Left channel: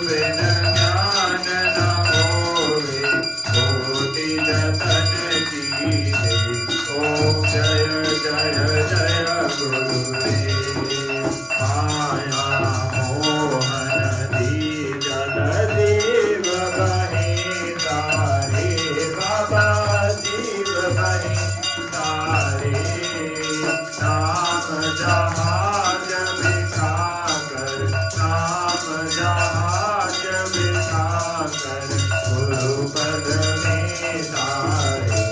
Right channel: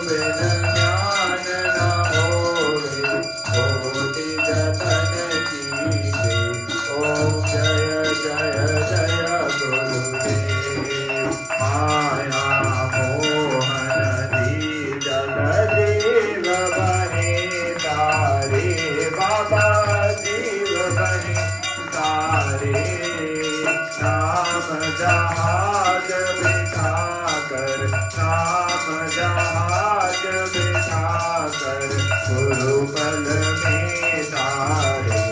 बिन ज्ञान न होवे, कोटि जतन कीजे। ओम जय जय जय गुरुदेव। माया मोहन दीज जीव बहे तारे, बाबा जीव बहे तारे। नाम जहाज बिठाकर, नाम जहाज बिठाकर, गुरुपद में तारे।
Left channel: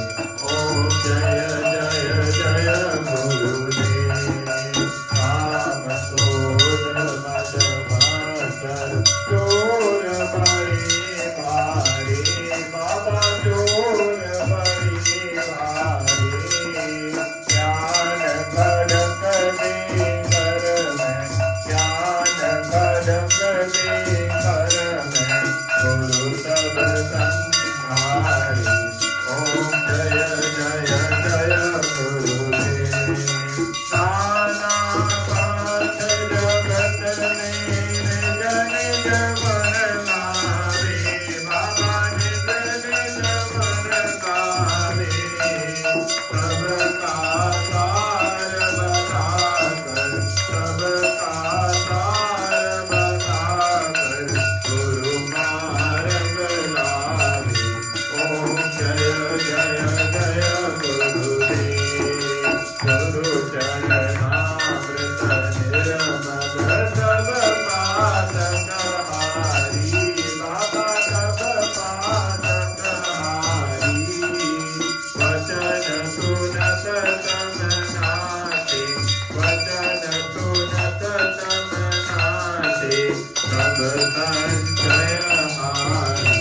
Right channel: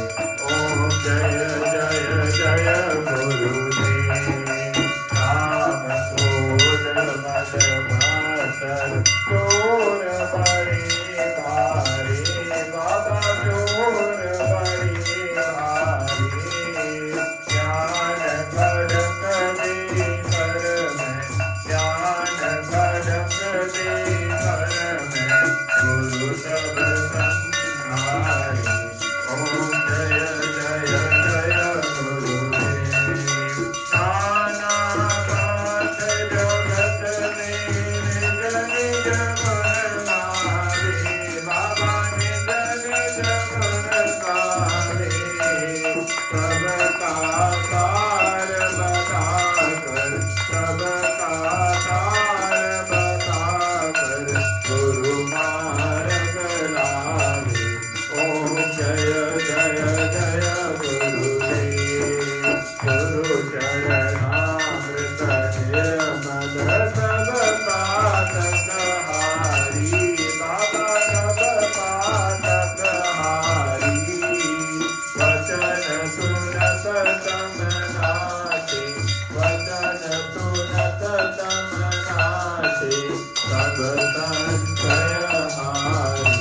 ओम जय जय जय गुरुदेव। नाम क्रोध मद मत्सर चोर बड़े भारे, बाबा चोर बड़े भारे। ज्ञान खड़क दे कर मैं, ज्ञान खड़क दे कर मैं, गुरु सब संहारे। ओम जय जय जय गुरुदेव। नाना नाथ जगत में निज निज गुण गावे, बाबा निज निज गुण गावे। सबका सार बताकर, सबका सार बताकर, गुरु मार्ग लावे। ओम जय जय जय गुरुदेव। गुरु चरणामृत निर्मल सब पातक हारी, बाबा सब पातक हारी। वचन सुनत तम नाचे, वचन सुनत तम नाचे, सब संशय हारी।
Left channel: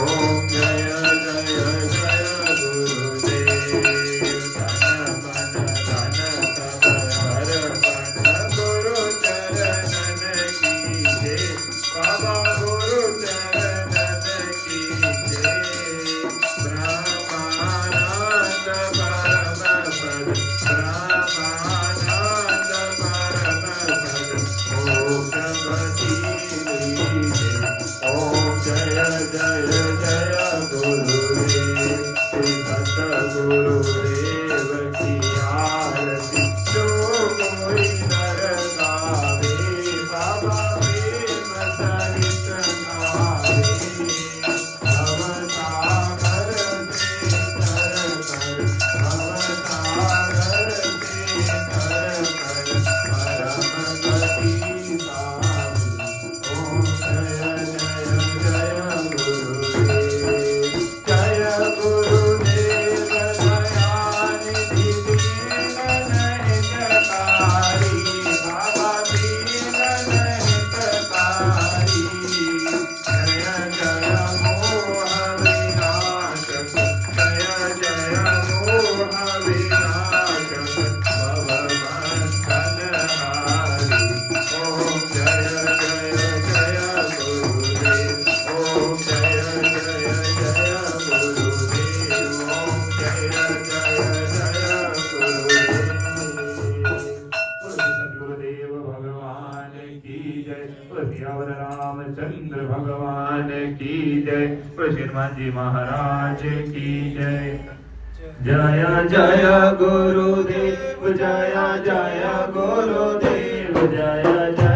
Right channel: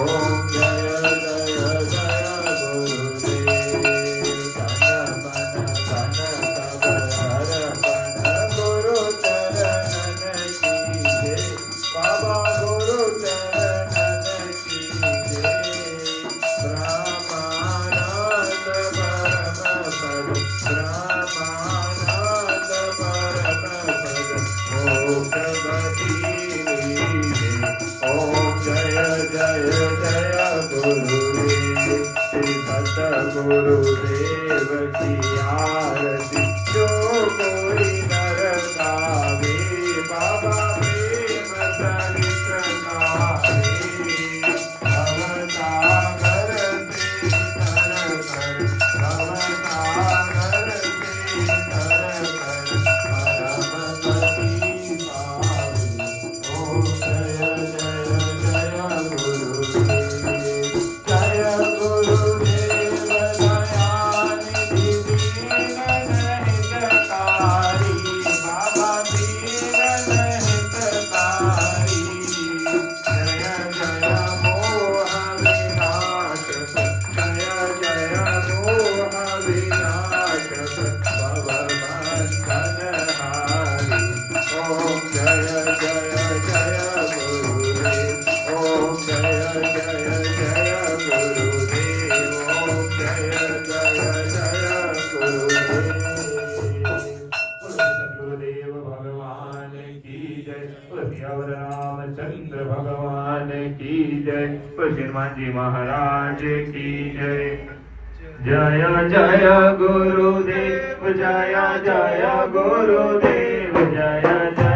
ओम जय जय जय गुरुदेव। तन मन धन सब अर्पण, गुरु चरणन कीजे, बाबा गुरु चरणन कीजे। ब्रह्मानंद परम पद, ब्रह्मानंद परम पद, मोक्षपति लीजे। ओम जय जय जय गुरुदेव। श्री सतगुरुदेव की आरती जो कोई नर गावे, बाबा प्रेम चरित्र गावे। भवसागर से तर कर, भवसागर से तर कर, परम गति पावे। ओम जय जय जय गुरुदेव। जय गुरुदेव दयानिधि दीन हितकारी, बाबा दीन हितकारी। जय जय मोह विनाशक, जय जय मोह विनाशक, भवबंधनहारी। ओम जय जय जय गुरुदेव। ओम जय जय जय गुरुदेव। ओम जय जय जय गुरुदेव। सद्गुरुदेव भगवान की जय। सियावर रामचंद्र भगवान की जय। हनुमान जी महाराज की जय। जय जय गुरुदेव, जय जय गुरुदेव, जय जय